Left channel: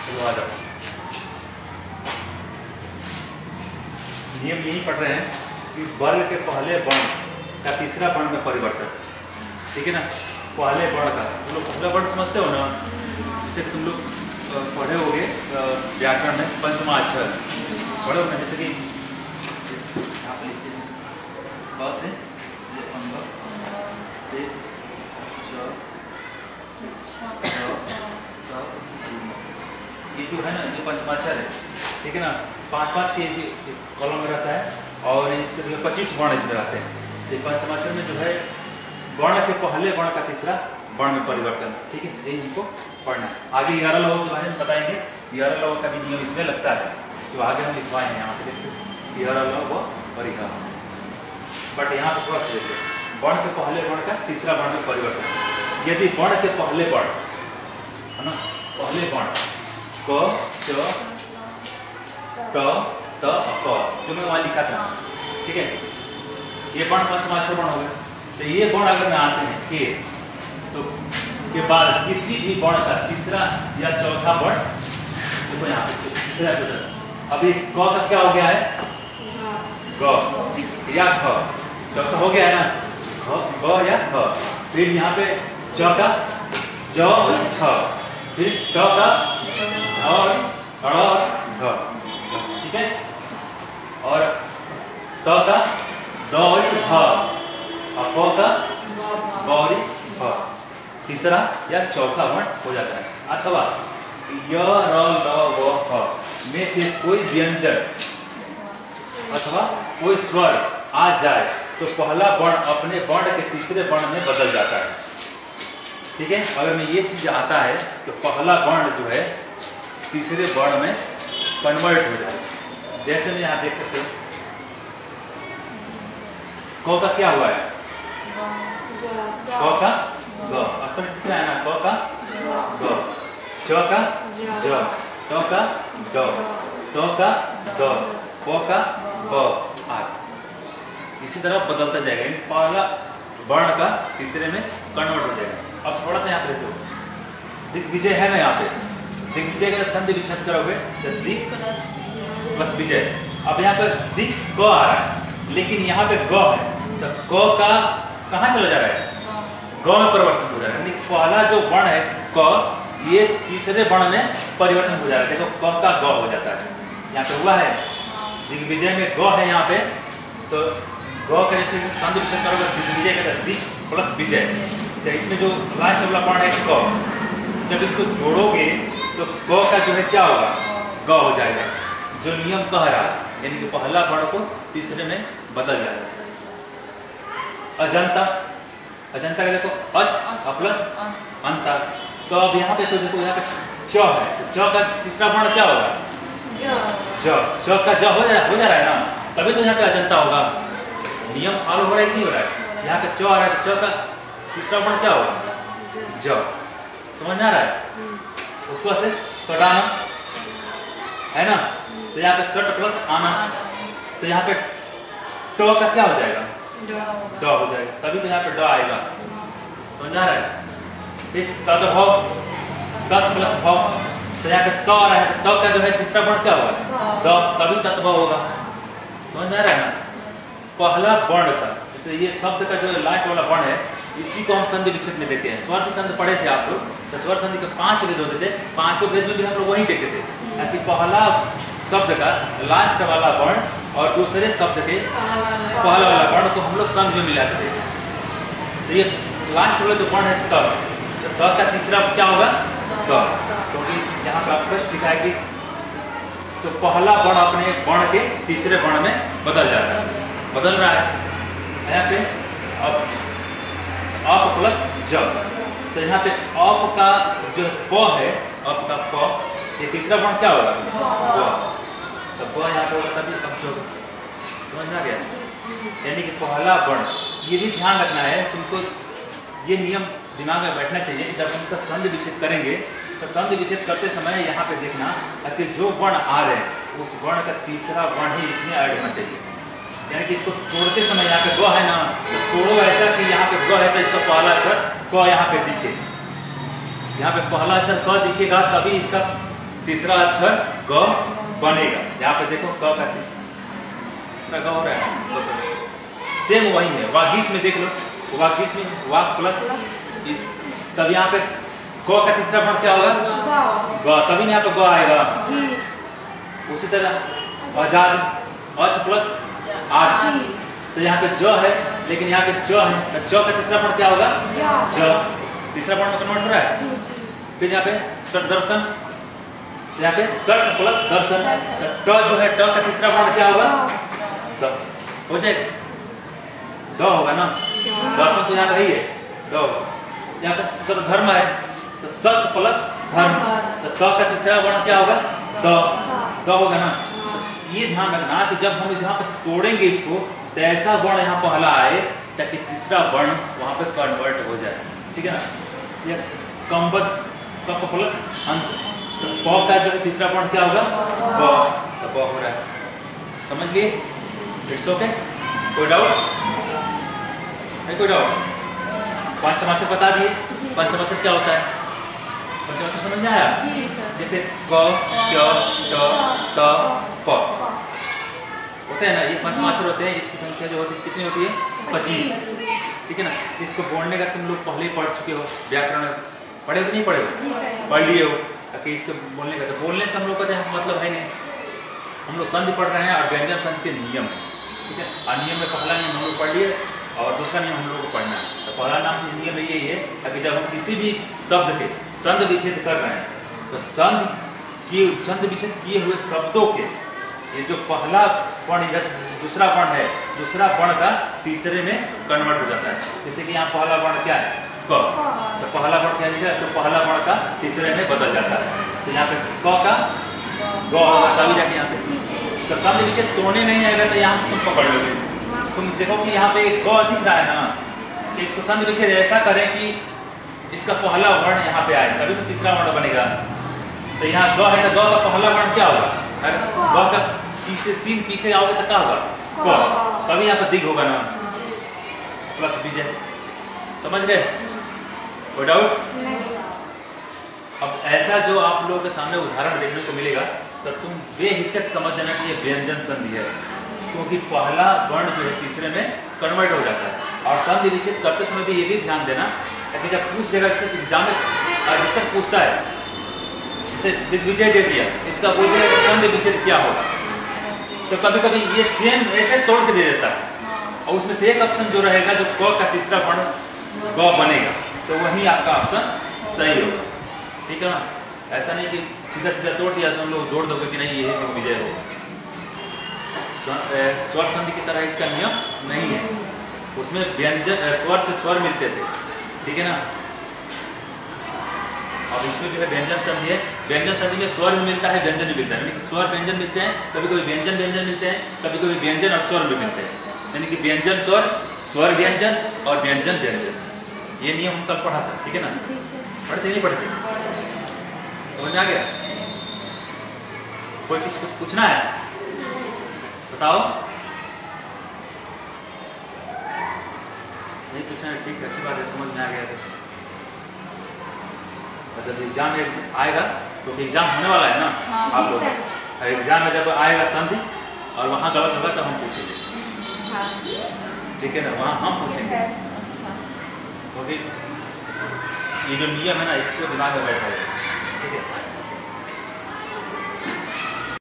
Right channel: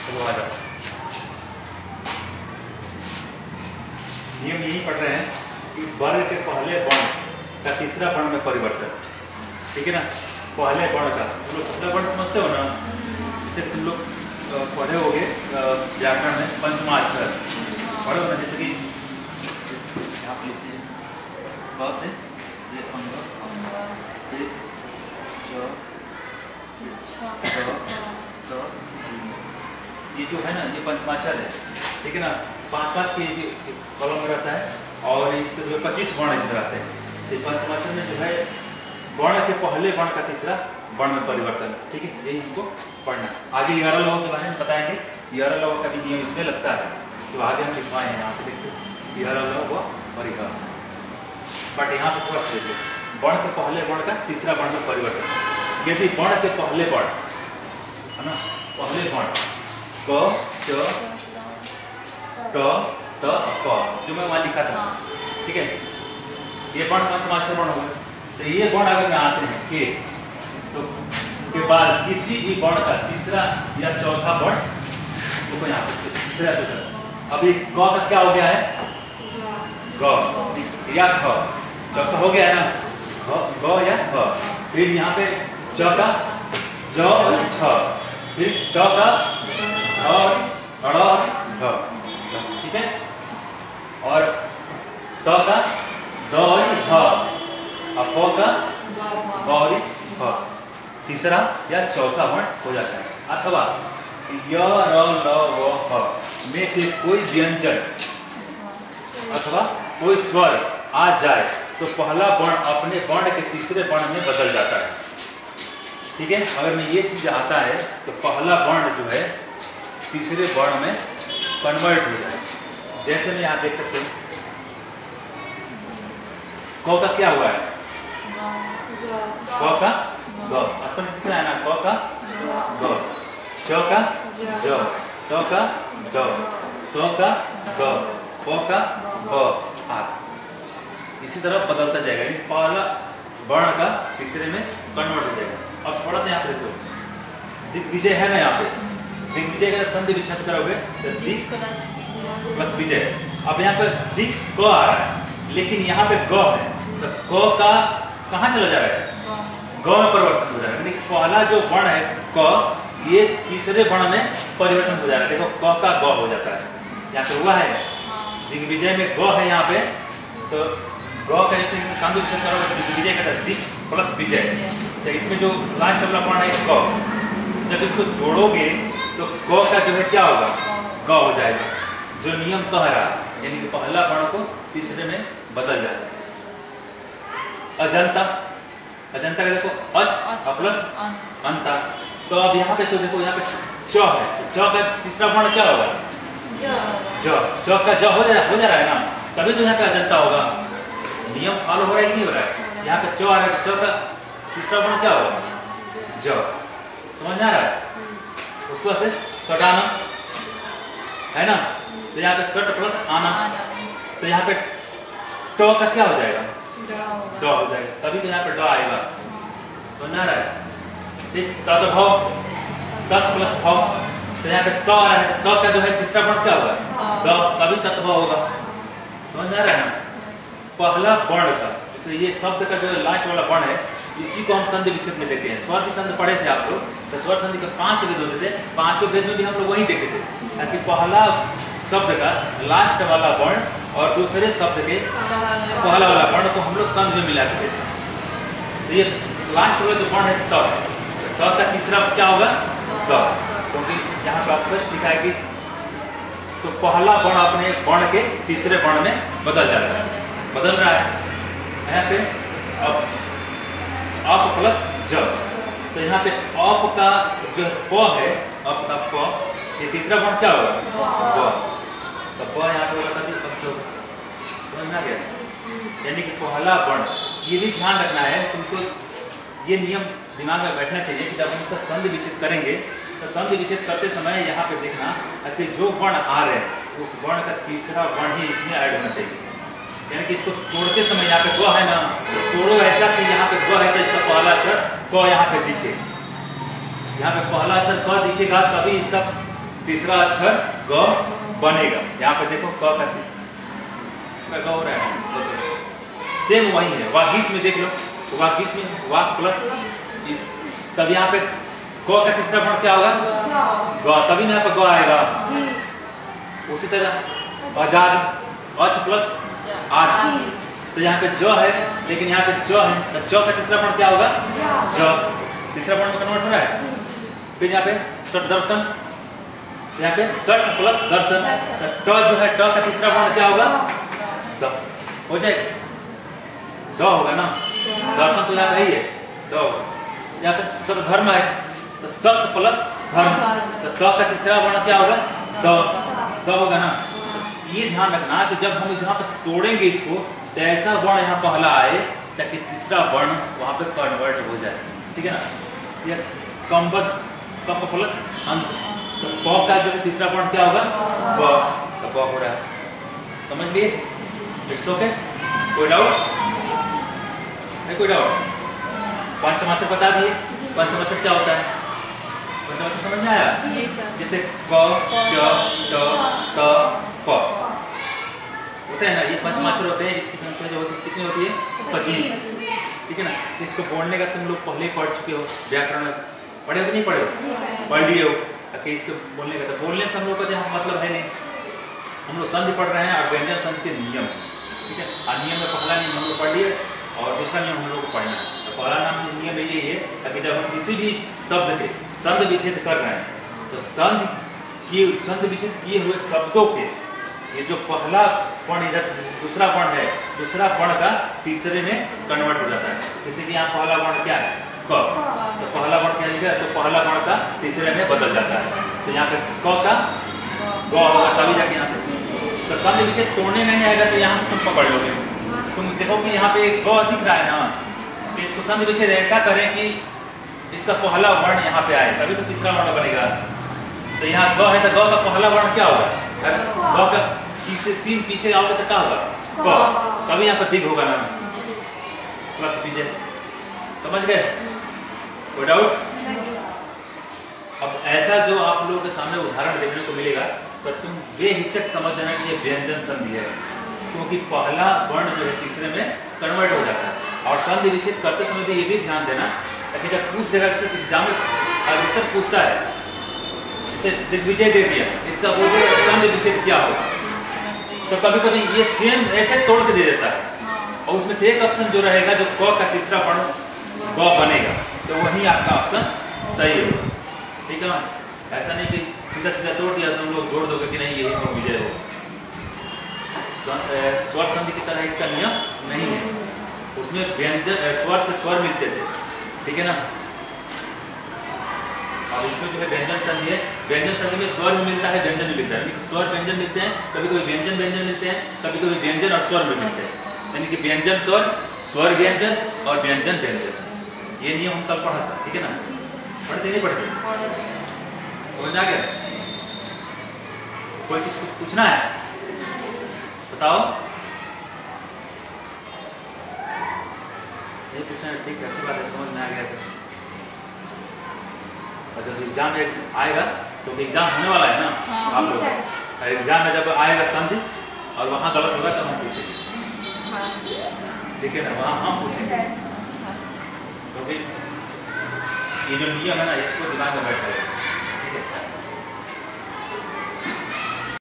चलो आ जाओ। नियम यही पढ़ रहे हैं कि वर्ग के पहले वर्ण का तीसरा वर्ण में परिवर्तन, ठीक है ना। पहले वर्ण का तुम लोग पहला वर्ण समझते हो ना, जैसे तुम लोग पढ़े होगे व्याकरण में पंचमाक्षर पढ़े हो ना, जैसे कि आप लिखते हैं क से ये अंग, ये च, ये जो है ना ये पंचमाक्षर है, ठीक है ना। 5-5 के कॉलम में रहता है और इसके जो 25 वर्ण इसमें रहते हैं। तो पंचमाक्षर में जो है वर्ण के पहले वर्ण का तीसरा वर्ण में परिवर्तन, ठीक है, यही हमको पढ़ना। आगे यारा लोगों के बारे में बताएंगे। यारा लोगों का भी नियम इसमें लगता है जो आगे हम लिखवाए हैं। यहाँ पे देखिए यारा लोग और यह, बट यहाँ पे थोड़ा सा देखिए वर्ण के पहले वर्ण का तीसरा वर्ण में परिवर्तन। यदि वर्ण के पहले वर्ण है ना, पहले वर्ण क च ट त फ जो मैं वहाँ लिखा था, ठीक है, ये वर्ण पंचमाक्षर वर्ण हो गए। तो ये वर्ण अगर में आते हैं के, तो के बाद किसी भी वर्ण का तीसरा या चौथा वर्ण, देखो यहाँ पे अभी क का क्या हो गया है, ग या ख, चौथा हो गया है ना, ग या ख। फिर यहाँ पे च का ज छ, फिर ट का ढ, ठीक है, और त का द ध, प का गौरी फ, तीसरा या चौथा वर्ण हो जाता है। अथवा य र ल व फ में से कोई व्यंजन अथवा कोई स्वर आ जाए तो पहला वर्ण अपने वर्ण के तीसरे वर्ण में बदल जाता है, ठीक है। अगर में ये चीज आता है तो पहला वर्ण जो है तीसरे वर्ण में कन्वर्ट हो जाए। जैसे मैं यहाँ देख सकते हो क का क्या हुआ है, क का ग, स्पष्ट दिख रहा है ना, क का ग, च का ज, त का ड, त का ग, प का ब आदि। इसी तरह बदलता जाएगा, पहला वर्ण का तीसरे में कन्वर्ट हो जाएगा। अब थोड़ा सा यहाँ पे देखो दिग्विजय है ना, यहाँ पे दिग्विजय का संधि विच्छेद करोगे तो दिग प्लस विजय। अब यहाँ पे दिग क आ रहा है लेकिन यहाँ पे ग है, तो क का कहाँ चला जा रहा है, ग में परिवर्तन हो जाएगा। पहला जो वर्ण है क, ये तीसरे वर्ण में परिवर्तन हो जाएगा। देखो क का ग हो जाता है, यहाँ पे हुआ है दिग्विजय में ग है यहाँ पे, तो ग का ऐसे संधि विच्छेद करोगे दिग्विजय का दिग प्लस विजय। तो इसमें जो लास्ट वाला वर्ण है क, जब इसको जोड़ोगे तो क का जो है क्या होगा, ग हो जाएगा। जो नियम कह रहा है यानी कि पहला वर्ण को तीसरे में बदल जाएगा। अजंता, अजंता का देखो अच प्लस अंता, तो अब यहाँ पे तो देखो यहाँ पे च है, तो च का तीसरा वर्ण क्या होगा, ज, च का ज हो जा रहा है ना, तभी तो यहाँ पे अजंता होगा। नियम फॉलो हो रहा है नहीं हो रहा है, यहाँ पे च आ रहा है, च का तीसरा वर्ण क्या होगा, ज, समझ में आ रहा है। उसको से सटाना है ना, तो यहाँ पे सट प्लस आना, तो यहाँ पे ट का क्या हो जाएगा, ड हो जाएगा, तभी तो यहाँ पे ड आएगा। समझ आ रहा है। ठीक, तद्भव तत् प्लस भव, तो यहाँ पे त आ रहा है, तो त का जो है तीसरा वर्ण क्या होगा, द, तभी तत्भव होगा। समझ आ रहा है ना। पहला वर्ण का तो ये शब्द का जो लास्ट वाला वर्ण है इसी को हम संधि विच्छेद में देखते हैं। स्वर की संधि पढ़े थे आप लोग, तो स्वर संधि के 5 भेद होते थे, 5 भेद में भी हम लोग वही देखे थे ताकि पहला शब्द का लास्ट वाला वर्ण और दूसरे शब्द के पहला वाला वर्ण को हम लोग संधि में मिलाते थे। तो ये लास्ट वाला जो वर्ण है त, तो का तीसरा क्या होगा, द, क्योंकि यहाँ पर स्पष्ट लिखा है कि तो पहला वर्ण अपने वर्ण के तीसरे वर्ण में बदल जाता है, बदल रहा है। यहाँ पे अप प्लस ज, तो यहाँ पे अप का जो प है, अप का प, ये तीसरा वर्ण क्या होगा, ब, तो ब यहाँ पे होगा तभी अब जो समझ में आ गया। यानी कि पहला वर्ण, ये भी ध्यान रखना है तुमको, ये नियम दिमाग में बैठना चाहिए कि जब हम इसका संधि विच्छेद करेंगे तो संधि विच्छेद करते समय यहाँ पे देखना कि जो वर्ण आ रहे हैं उस वर्ण का तीसरा वर्ण ही इसमें ऐड होना चाहिए। यानी कि इसको तोड़ते समय यहाँ पे ग है ना, तो तोड़ो ऐसा कि यहाँ पे ग है तो इसका पहला अक्षर क यहाँ पे दिखे, यहाँ पे पहला अक्षर क दिखेगा तभी इसका तीसरा अक्षर ग बनेगा। यहाँ पे देखो क का तीसरा ग हो रहा है, सेम वही है। वागीश में देख लो, वागीश में वाक प्लस इस, तब यहाँ पे क का तीसरा वर्ण क्या होगा? ग, तभी यहाँ पे ग आएगा। उसी तरह आजाद अच प्लस आद, तो यहाँ पे ज है लेकिन यहाँ पे च है, तो च का तीसरा वर्ण क्या होगा? ज, तीसरा वर्ण में कन्वर्ट हो रहा है। फिर यहाँ पे सट दर्शन, यहाँ पे सट प्लस दर्शन, ट जो है ट का तीसरा वर्ण क्या होगा? द, हो जाएगा, द होगा ना। दर्शन तो यहाँ पे ही है, द होगा। यहाँ पे सत धर्म है तो सत प्लस धर्म, तो ट का तीसरा वर्ण क्या होगा? द, द होगा ना। ये ध्यान रखना कि जब हम यहाँ पे तोड़ेंगे इसको तो ऐसा वर्ण यहाँ पहला आए ताकि तीसरा वर्ण वहां पे कन्वर्ट हो जाए, ठीक है ना। ये कम्बद कप प्लस अंत, तो प का जो है तीसरा वर्ण क्या होगा? ब, तो ब हो रहा है, समझ लिए? इट्स ओके, कोई डाउट? कोई डाउट? पंचमाक्षर बता दिए, पंचमाक्षर क्या होता है? पंचमाक्षर समझ में आया? जैसे क च ट त प होता है ना, ये पंचमाक्षर होते हैं। इसकी संख्या जो होती है कितनी होती है? 25, ठीक है ना। इसको बोलने का तुम लोग पहले ही पढ़ चुके हो, व्याकरण में पढ़े कि नहीं पढ़े? पढ़ लिए हो। कि इसके बोलने का, तो बोलने से हम लोग का मतलब है नहीं, हम लोग संधि पढ़ रहे हैं और व्यंजन संधि के नियम, ठीक है। और नियम में पहला नियम हम लोग पढ़ लिए और दूसरा नियम हम लोग को पढ़ना है। तो पहला नाम नियम यही है कि जब हम किसी भी शब्द के संधि विच्छेद कर रहे हैं तो संधि विच्छेद किए हुए शब्दों के ये जो पहला वर्ण इधर दूसरा वर्ण है, दूसरा वर्ण का तीसरे में कन्वर्ट हो जाता है। जैसे कि यहाँ पहला वर्ण क्या है? क, तो पहला वर्ण क्या लिखा है? तो पहला वर्ण का तीसरे में बदल जाता है। तो यहाँ पे क का ग होगा, तभी जाके यहाँ पे तो संधि विच्छेद तोड़ने नहीं आएगा तो यहाँ से तुम पकड़ लोगे। तुम देखो कि यहाँ पे एक ग दिख रहा है ना, तो इसको संधि विच्छेद ऐसा करें कि इसका पहला वर्ण यहाँ पे आए, तभी तो तीसरा वर्ण बनेगा। तो यहाँ ग है तो ग का पहला वर्ण क्या होगा? ग का तीन पीछे आओगे तो क्या होगा? क, तभी यहाँ पर दिग होगा ना, प्लस विजय। समझ गए? कोई डाउट? अब ऐसा जो आप लोगों के सामने उदाहरण देखने को मिलेगा तो तुम बेहिचक समझ जाना कि ये व्यंजन संधि है, क्योंकि पहला वर्ण जो है तीसरे में कन्वर्ट हो जाता है। और संधि विच्छेद करते समय भी ये भी ध्यान देना कि जब पूछ देगा, एग्जाम में अधिकतर पूछता है, जैसे दिग्विजय दे दिया, इसका बोल दिया संधि विच्छेद क्या होगा, तो कभी कभी ये सेम ऐसे तोड़ के दे देता है और उसमें से एक ऑप्शन जो रहेगा जो क का तीसरा वर्ण ग बनेगा, तो वही आपका ऑप्शन सही होगा, ठीक है ना। ऐसा नहीं कि सीधा सीधा तोड़ दिया तुम लोग जोड़ दोगे कि नहीं यही दिग्विजय हो। स्वर संधि की तरह इसका नियम नहीं है, उसमें व्यंजन स्वर से स्वर मिलते थे, ठीक है ना। अब इसमें जो है व्यंजन संधि है, व्यंजन संधि में स्वर भी मिलता है, व्यंजन भी मिलता है। स्वर व्यंजन मिलते हैं, कभी कभी व्यंजन व्यंजन मिलते हैं, कभी कभी व्यंजन और स्वर भी मिलते हैं। यानी कि व्यंजन स्वर, स्वर व्यंजन और व्यंजन व्यंजन, ये नियम हम कल पढ़ा था, ठीक है ना। पढ़ते नहीं पढ़ते? समझ आ गया? कोई चीज कुछ पूछना है बताओ? नहीं पूछना है, ठीक है, अच्छी बात है, समझ में आ गया। जब एग्जाम आएगा तो एग्जाम होने वाला है ना आप लोग, और एग्जाम में जब आएगा संधि और वहाँ गलत होगा तब हम पूछेंगे, ठीक है ना, वहाँ हम पूछेंगे। तो फिर ये जो नियम है ना इसको दिमाग में बैठाइए, ठीक है।